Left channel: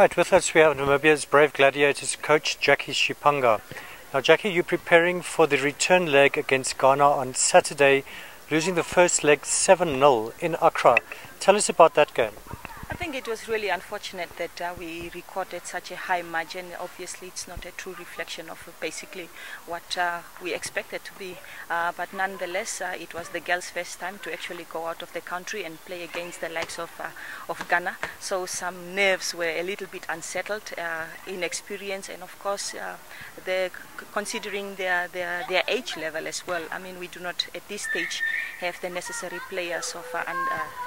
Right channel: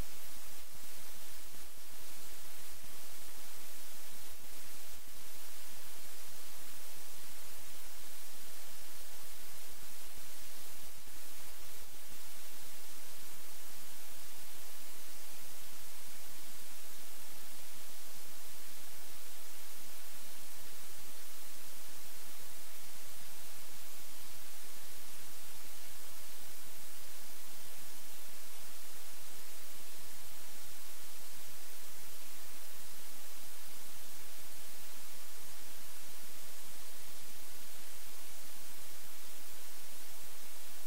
Right, with us we have Namibia's Brave Gladiators coach Jacky Shipanga. Now Jacky, you're preparing for the return leg against Ghana on Saturday, losing the first leg 7-0 in Accra. Tell us about that game. I think it was really unfortunate that we recorded such a high margin. Obviously, it's not a true reflection of basically what we expected to be. But nonetheless, it was the girls' first time to actually go out of the country and play against the likes of Ghana. So some nerves were a little bit unsettled, inexperience, and of course, considering their age level as well. I mean, we do not at this stage have the necessary players of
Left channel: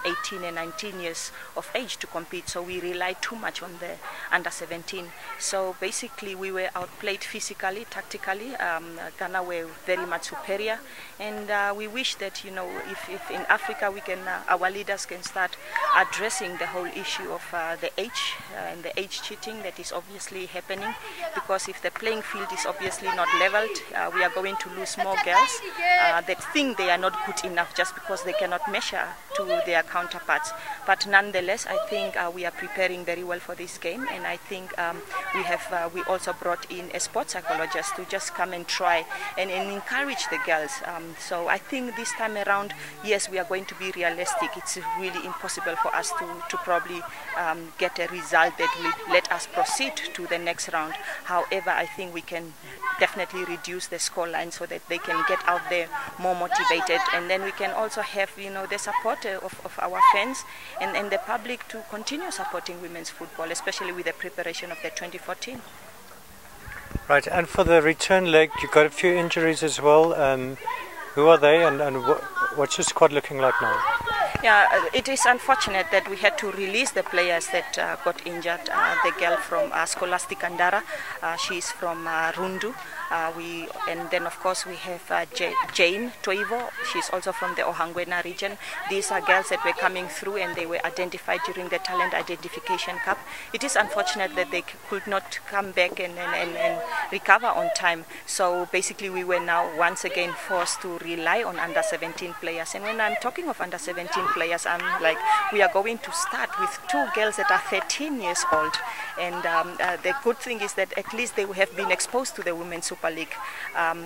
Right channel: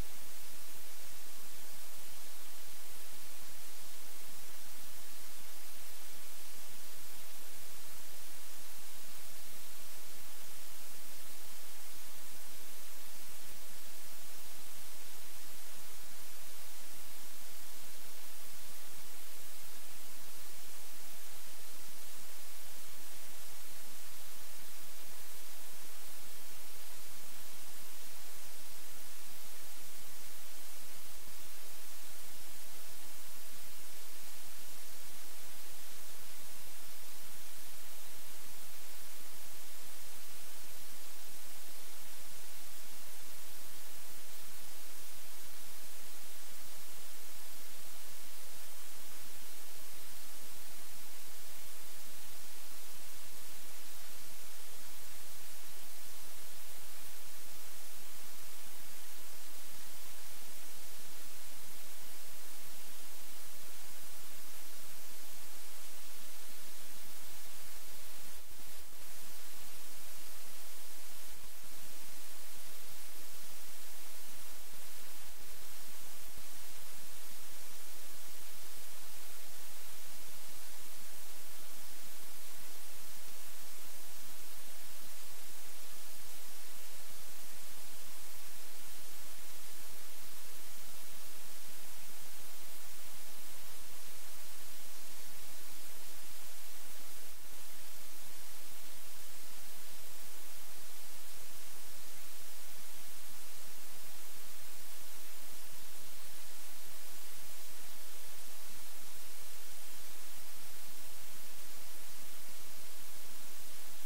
18 and 19 years of age to compete, so we rely too much on the under 17. So basically we were outplayed physically, tactically. Ghana were very much superior, and we wish that, you know, if in Africa we can, our leaders can start addressing the whole issue of the age and the age cheating that is obviously happening, because if the playing field is obviously not leveled, we are going to lose more girls that think they are not good enough just because they cannot measure to their counterparts. But nonetheless, I think we are preparing very well for this game, and I think we also brought in a sports psychologist to just come and try and encourage the girls. So I think this time around, yes, we are going to be realistic. It's really impossible for us to probably get a result that will let us proceed to the next round. However, I think we can definitely reduce the scoreline so that they can get out there more motivated, and then we can also have, you know, the support of our fans and the public to continue supporting women's football, especially with the preparation of the 2014. Right, and for the return leg, you got a few injuries as well. Who are they, and what's your squad looking like now? Yeah, it is unfortunate that we had to release the players that got injured. The girl from Scholastic Andara, she's from Rundu. And then of course we have Jane Toivo, she's also from the Ohangwena region. These are girls that were coming through and they were identified during the Talent Identification Cup. It is unfortunate that they could not come back and recover on time. So basically we were now once again forced to rely on under 17 players. And when I'm talking of under 17 players, I'm like, we are going to start with two girls that are 13 years old. And the good thing is that at least they have been exposed to the Women's Super League.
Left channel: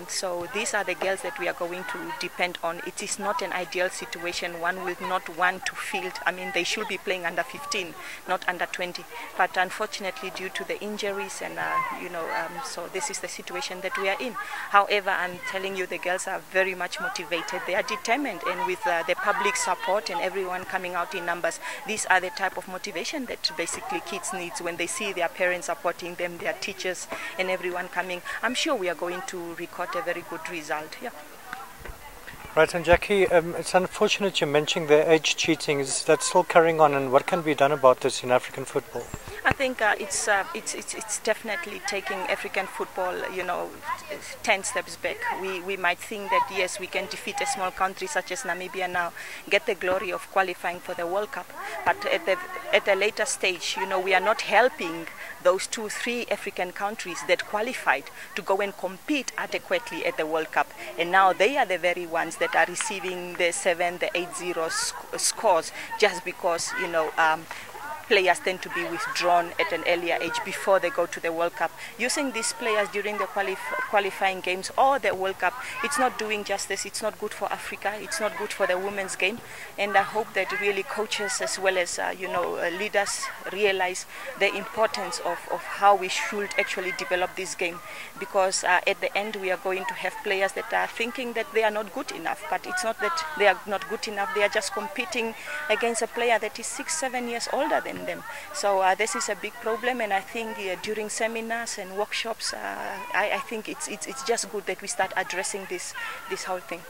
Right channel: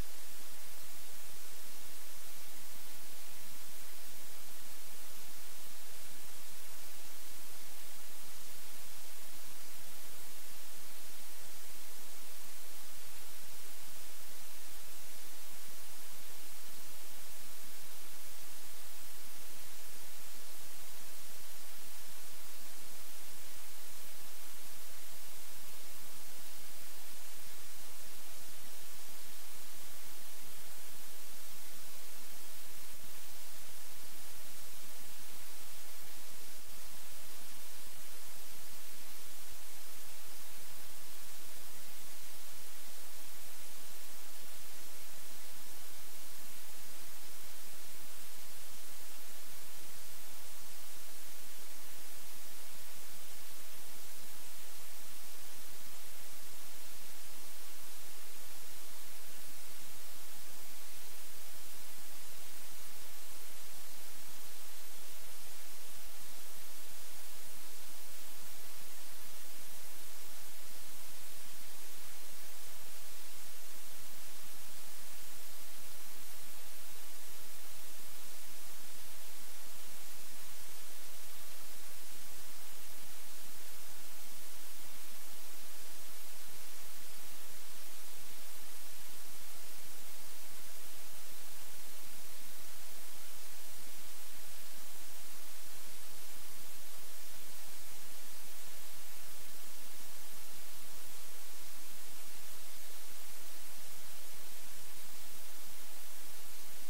So these are the girls that we are going to depend on. It is not an ideal situation. One will not want to field. I mean, they should be playing under 15, not under 20. But unfortunately, due to the injuries and so this is the situation that we are in. However, I'm telling you, the girls are very much motivated. They are determined, and with the public support and everyone coming out in numbers, these are the type of motivation that basically kids need when they see their parents supporting them, their teachers, and everyone coming. I'm sure we are going to record a very good result. Yeah. Right, and Jacky, it's unfortunate you're mentioning the age cheating. Is that still carrying on, and what can be done about this in African football? I think it's definitely taking African football, 10 steps back. We might think that yes, we can defeat a small country such as Namibia now, get the glory of qualifying for the World Cup, but at a later stage, we are not helping those 2-3 African countries that qualified to go and compete adequately at the World Cup, and now they are the very ones that are receiving the 7, the 8-0 scores just because players tend to be withdrawn at an earlier age before they go to the World Cup. Using these players during the qualifying games or the World Cup, it's not doing justice. It's not good for Africa. It's not good for the women's game. And I hope that really coaches as well as leaders realize the importance of how we should actually develop this game, because at the end we are going to have players that are thinking that they are not good enough, but it's not that they are not good enough. They are just competing against a player that is 6-7 years older than them. So this is a big problem, and I think during seminars and workshops, I think it's just good that we start addressing this whole thing.